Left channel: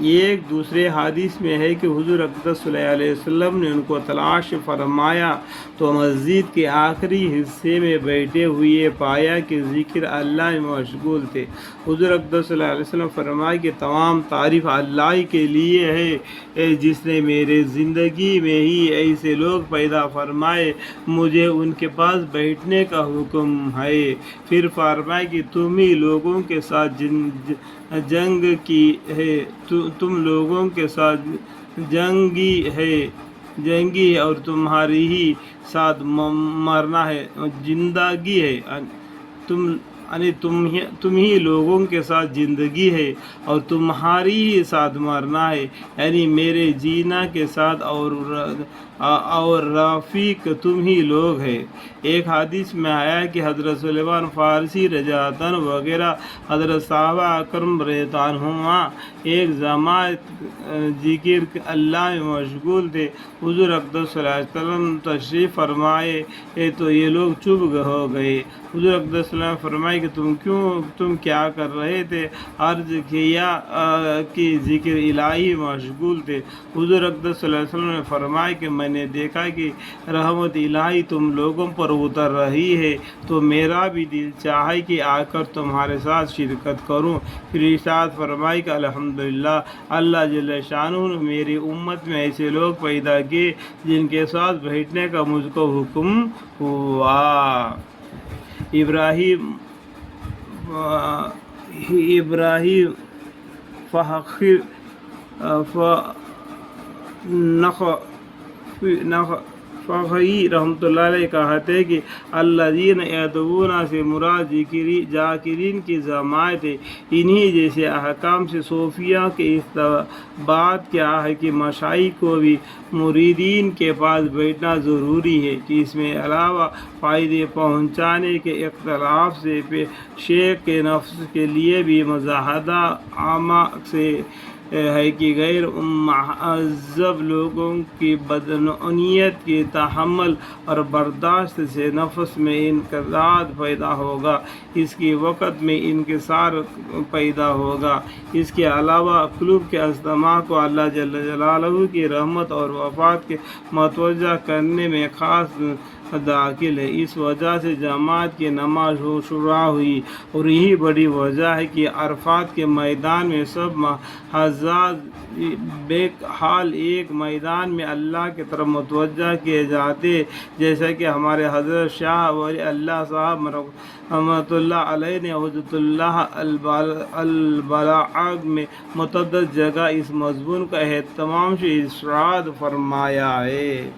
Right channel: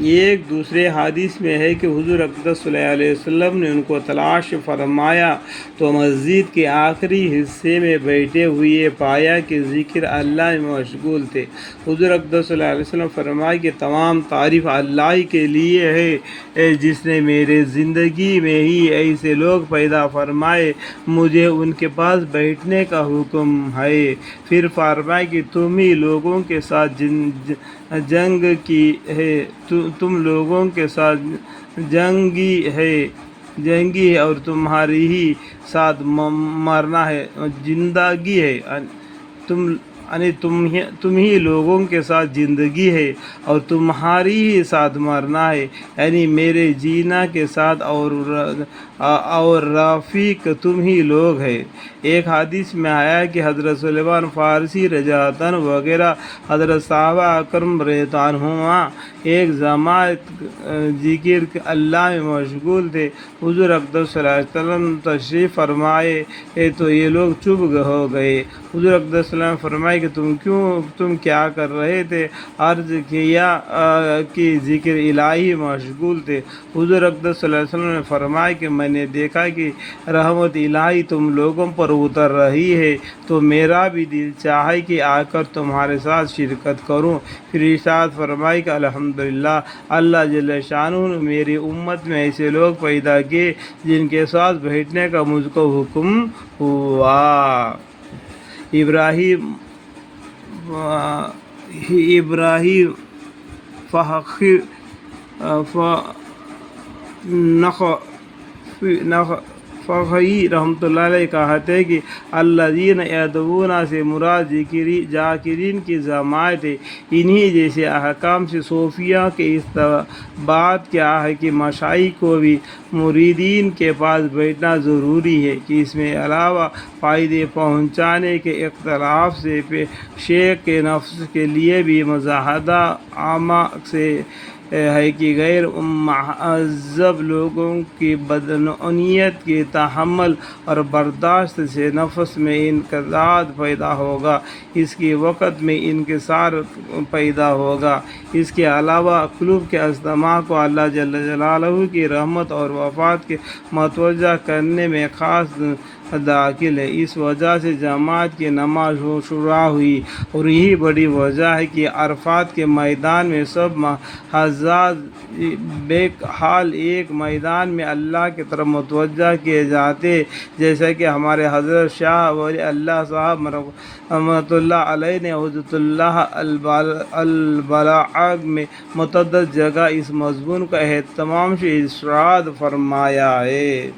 ایک دوسرے حدیث میں ہے کہ حضور اقدس صلی اللہ علیہ وسلم نے ان کو تلاش فرمایا تو مسجد کے آخری حصے میں بیٹھے ہوئے پایا کہ ذکر اللہ میں مشغول تھے۔ حضور اقدس صلی اللہ علیہ وسلم فرمایا کہ تمام تعریف اللہ کے لیے ہے جس نے میرے زندگی میں ہی ایسے لوگ پیدا فرمائے، مجھے ان کے پاس بیٹھنے کا حکم ہے۔ پھر فرمایا کہ تم ہی لوگوں کے ساتھ جنگ کی ہے، تم لوگوں کے ساتھ جنگی ہے اور تمہاری ہی ساتھ مرنا ہے، زندگی ہے، تم ہی لوگوں کے ساتھ زندگی ہے اور تمہاری ہی ساتھ مرنا ہے، یعنی میرے جینا کے ساتھ اور رفیق تم ہی لوگ ہیں۔ ایک حدیث میں آیا کہ حضرت سلمان فارسی رضی اللہ عنہ وغیرہ حضرت صحابہ اکرام رضی اللہ عنہما ایک جماعت ذکر اللہ میں مشغول تھے۔ حضور اقدس صلی اللہ علیہ وسلم تشریف فرمائے تو یہ لوگ چپ ہو گئے۔ حضور اقدس صلی اللہ علیہ وسلم فرمائے کہ تم کیا کر رہے تھے؟ عرض کیا کہ ذکر الہی مشغول تھے۔ حضور اقدس صلی اللہ علیہ وسلم نے فرمایا کہ میں نے دیکھا کہ رحمت الہی تم لوگوں پر اتر رہی ہے تو میرا بھی دل چاہے کہ آ کر تمہارے ساتھ شرکت کروں۔ پھر ارشاد فرمائی کہ الحمدللہ، اللہ جل شانہ نے میری امت میں ایسے لوگ پیدا کیے جن کے ساتھ بیٹھنے کا مجھ کو حکم ہوا۔ ابراہیم نخعی رحمۃ اللہ علیہ کہتے ہیں کہ الذین یدعون سے مراد ذاکرین کی جماعت ہے۔ انہی جیسے احکام سے صوفیہ کے اس بات کیا ہے کہ مشائخ کو بھی مریدین کے پاس بیٹھنا ضروری ہے کہ اس میں علاوہ فائدے پہنچانے کے اختلاف سے شیخ کے نفس کے لیے بھی مجاہدہ عامہ سے ہے کہ غیر مہذب لوگوں کی بدعنوانیت کی تحمل اور برداشت سے نفس میں انقباض پیدا ہوگا، اس کے وقت میں انکسار پیدا ہوگا۔ اس کے علاوہ قلوب کے اجتماع کو اللہ جل جلالہ کی رحمت اور وفات کے متوجہ کرنے میں خاص داخل ہے۔ اس وجہ سے جماعت کی نماز شروع ہوئی اور یہی بڑی وجہ ہے کہ عرفات کے میدان میں سب حجاج بہرحال ایک میدان میں اللہ کی طرف متوجہ کیے جاتے، جیسا کہ ہمارے حضرت شاہ ولی اللہ صاحب رحمۃ اللہ علیہ نے حجۃ اللہ البلاغ میں متعدد جگہ اس مضمون کا اہتمام سے ارشاد فرمایا ہے۔